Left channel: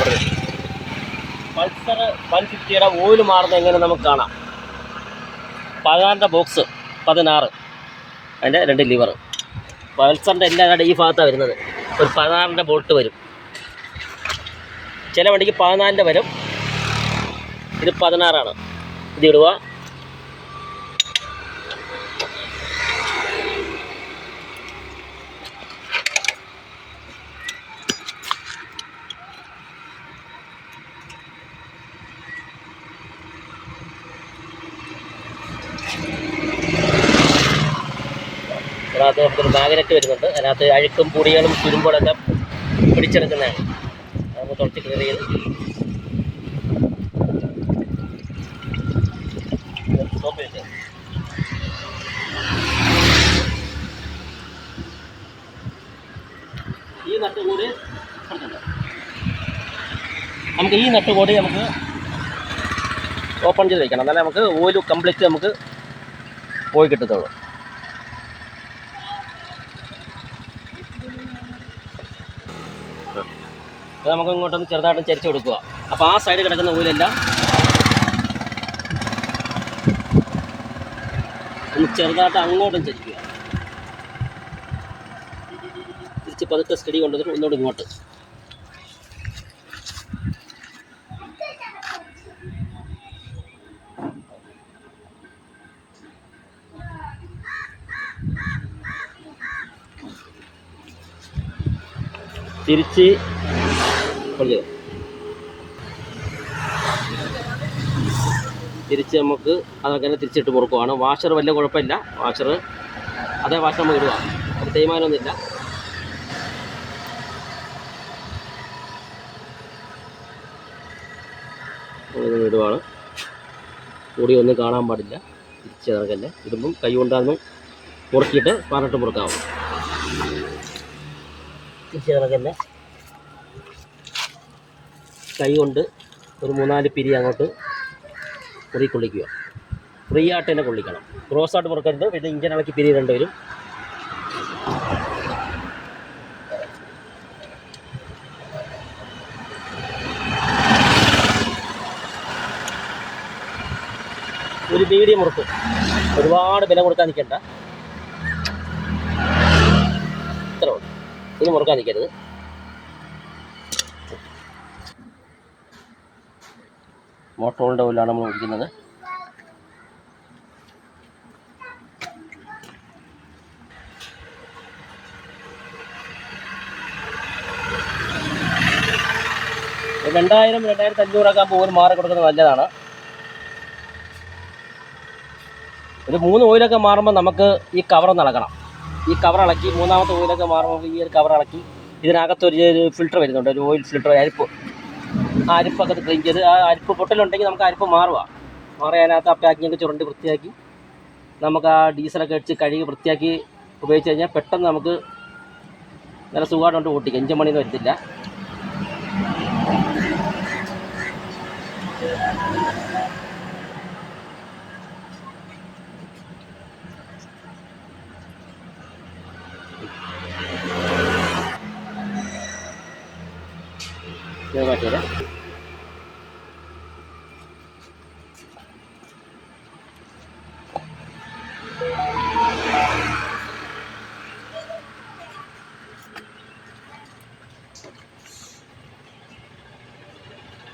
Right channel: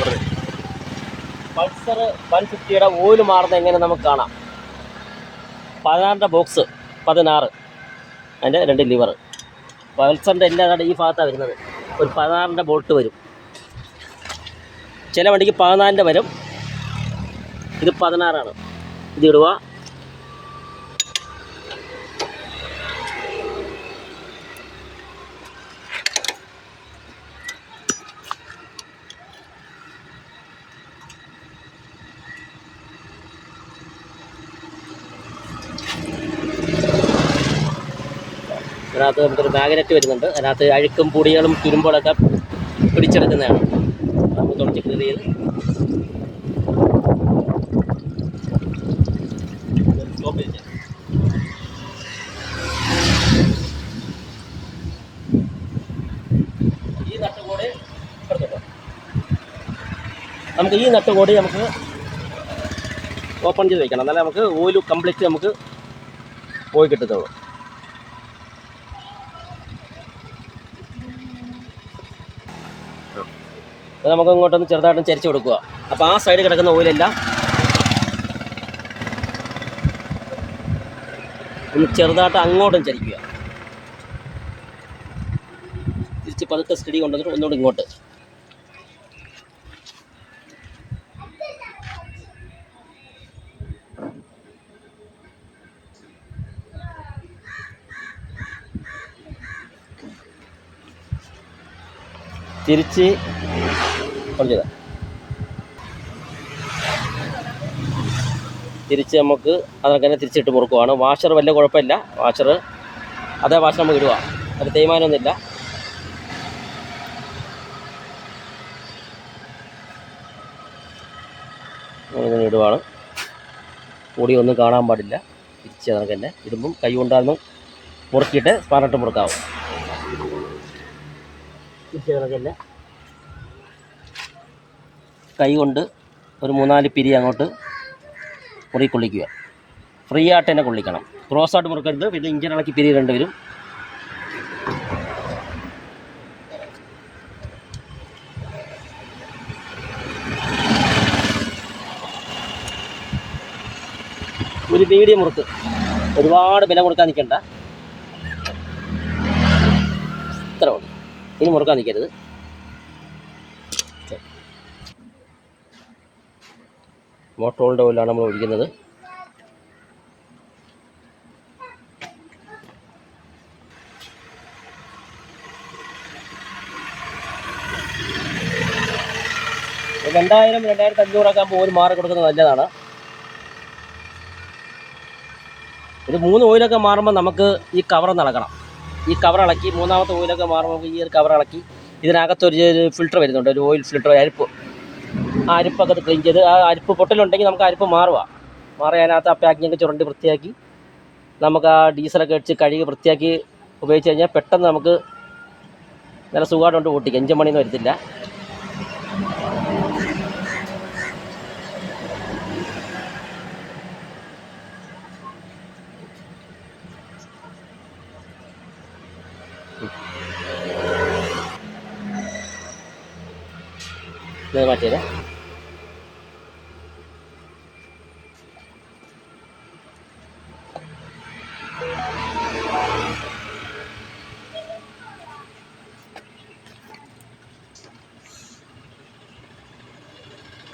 അവിടെ Pulsar 150യുടെ oil മാറുന്നത് എങ്ങനെ നമുക്ക് കാണാം. 16ൻ്റെ ബോക്സ് 16, അതിൻ്റെ 2 ലിവർ. പൾസറിൻ്റെ എല്ലാ ഈ ഭാഗത്താണ് വരുന്നത്. ഒരു 16ൻ്റെ ബോൾട്ട് വരും. ചില വണ്ടിക്ക് 14ൻ്റെ വരും. ഇത് 16ആണ്. ഇത് ഇടുക. അതിനകത്ത് നമുക്കൊരു മാഗ്നറ്റ് വരുന്നുണ്ട്. അതിനകത്ത് അഴുക്കും പൊടികളും തുരുമ്പുകളൊക്കെ പിടിച്ചെടുക്കുന്നതാണ്. നമുക്ക് തുടച്ച് ക്ലിയർ ചെയ്ത് സ്റ്റോപ്പ് ചെയ്ത് ഈ നട്ട് കൂടി എടുത്തിട്ട് നമുക്ക് ഈ നട്ട് കൂടി നമുക്ക് ഓപ്പൺ ചെയ്ത് വയ്ക്കണം. എന്നാലേ നമുക്ക് ഓയിൽ കംപ്ലീറ്റ് നമുക്ക് പോയി കിട്ടത്തുള്ളൂ. നമുക്ക് ഇങ്ങോട്ടൊന്ന് ചെറുതായിട്ടും ചരിച്ച് കൊടുക്കുക. അപ്പോൾ ആ സൈഡിൽ കിടക്കുന്ന ഓയിലെല്ലാം ഒന്ന് ചെറുതായിട്ട് അങ്ങോട്ടും ചരിക്കുക. തിരിച്ച് പതുക്കെ സ്റ്റഡി കൊണ്ടുവന്നിട്ട് ഒന്നുകൂടി ഇങ്ങോട്ട്. തിരിച്ച് തിരിച്ച് നമുക്ക് അതൊക്കെ തന്നെ തിരിച്ചിട്ട് മുറുക്കുവാണ്. വാഷർ വലിയ കുഴപ്പമില്ല. വാഷർ അതേ വാഷർ നമുക്ക് ഇടുക. അത് തേയ്മാനമൊന്നുമില്ല. ഇങ്ങനെ ഇടുവാണ്. കൂടി ഒന്നും കാണാൻ പാടില്ല. തിരിച്ച് അതൊക്കെ തന്നെ ഇടുമ്പം കൈ കൊണ്ടാന്ന് മുറുക്കിയിട്ട് സ്പാനട്ട് മുറുക്കാവും. തിരിച്ച് അതൊക്കെ തന്നെ കൈ കൊണ്ട് ഒരു 3-4 പിരി അങ്ങോട്ട് കൊള്ളിക്കുക. ഫ്രീ ആയിട്ട് തന്നെ കൊള്ളിക്കണം. ക്രോസ് ആയിട്ട് മുറുക്കരുത്. പിന്നെ ഇഞ്ചൻ ഇളക്കി പിരി 2 വരും. ഒരു മീഡിയം മുറുക്ക്. ഒരുപാട് ബലം കൊടുക്കാൻ നിൽക്കണ്ട. ഇത്ര ഉണ്ട്. ഇനി മുറുക്കാൻ നിൽക്കരുത്. മോട്ടോറിൻ്റെ ഓയിലാണ് നമ്മൾ ഒഴിക്കുന്നത്. $2000, 2500 ആകുമ്പോൾ ഓയിൽ മാറി കൊടുക്കുന്നത് നല്ലതാണ്. ഒരു 3 ഓയിലൊക്കെ മാറുമ്പോൾ നമുക്ക് ഈ കവറൊന്ന് ഇളക്കണം. ഈ കവർ ഇളക്കി 3ാമത്തെ ഓയിലൊക്കെ മാറുമ്പോൾ ഈ ഒരു കവർ ഇളക്കി ഇതിനകത്തൊരു ഫിൽറ്റർ വരുന്നുണ്ട്. ഒരു ഓയിൽ ഫിൽറ്റർ, അരിപ്പ്. ആ അരിപ്പൊക്കെ അത് ക്ലീൻ ചെയ്ത്, ആ അരിപ്പ് പൊട്ടലുണ്ടെങ്കിൽ നമുക്ക് അരിപ്പ് മാറി അതിനകത്ത് ആ പാക്കിങ്ങൊക്കെ ചുരണ്ടി വൃത്തിയാക്കി നമുക്ക് ആ ഡീസലൊക്കെ അടിച്ച് കഴുകി വൃത്തിയാക്കി ഉപയോഗിച്ച് കഴിഞ്ഞാൽ പെട്ടെന്ന് നമുക്ക് നല്ല സുഖമായിട്ട് ഓട്ടിക്കാം. എഞ്ചിൻ പണിയൊന്നും വരത്തില്ല. മാറ്റിയത്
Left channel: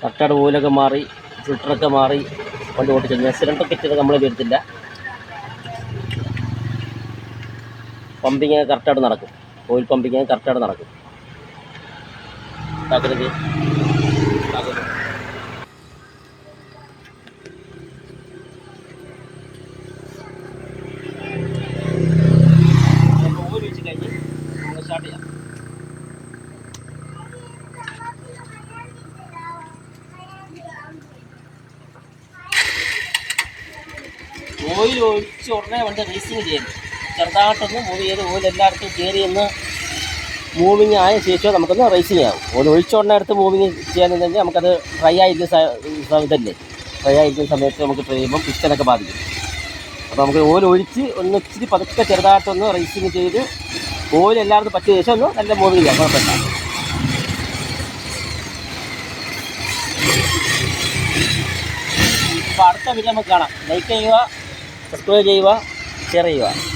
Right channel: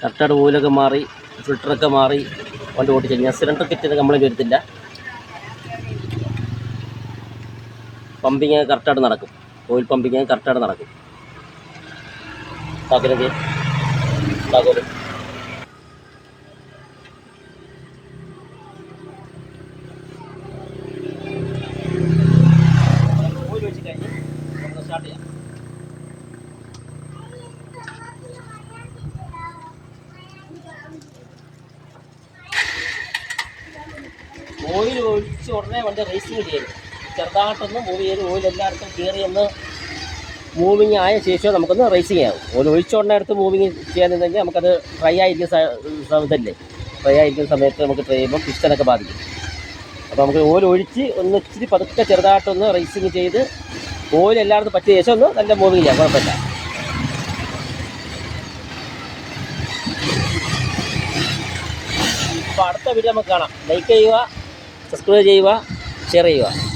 കറക്റ്റായിട്ട് ഓയിലൊക്കെ മാറി ഫിൽറ്ററൊക്കെ മാറി വണ്ടി ഓടിച്ചു കഴിഞ്ഞാൽ സിലിണ്ടർ കിറ്റിയത് കംപ്ലൈൻറ്റ് വരത്തില്ല. പമ്പിങ് കറക്റ്റായിട്ട് നടക്കും. ഓയിൽ പമ്പിങ് കറക്റ്റായിട്ട് നടക്കും. താക്കരുത് ഓയിൽ വെച്ച് കഴിഞ്ഞ് നമുക്ക് സ്റ്റാർട്ട് ചെയ്യാം. ഓയിൽ ഒഴിച്ച് ഉടനെ വണ്ടി റേസിങ് ചെയ്യരുത്. ചെറുതായിട്ടൊന്ന് മൂവ് ചെയ്ത് ഓയിൽ എല്ലായിടത്തും കയറിയൊന്ന് മൂവിങ് ആയ ശേഷം നമുക്കൊന്ന് റേസിങ് ആവും. ഓയിൽ ഒഴിച്ച ഉടനെ അടുത്ത് മൂവിങ് ചെയ്യാൻ കഴിഞ്ഞാൽ നമുക്കത് ഡ്രൈ ആയിരിക്കുന്ന ഡ്രൈ ആയിരിക്കുന്ന സമയത്ത് നമുക്ക് ട്രൈ ചെയ്യുമ്പം പിസ്റ്റനൊക്കെ ബാധിക്കും. അപ്പോൾ നമുക്ക് ഓയിൽ ഒഴിച്ച് ഒന്ന് ഇച്ചിരി പതുക്കെ ചെറുതായിട്ടൊന്ന് റേസിങ് ചെയ്ത് ഓയിൽ എല്ലായിടത്തും പറ്റിയ ശേഷം ഒന്ന് നല്ല മൂവിങ് ചെയ്യാം. കുഴപ്പമില്ല. അപ്പോൾ അടുത്ത വീഡിയോ നമുക്ക് കാണാം. ലൈക്ക് ചെയ്യുക, സബ്സ്ക്രൈബ് ചെയ്യുക, ഷെയർ ചെയ്യുക.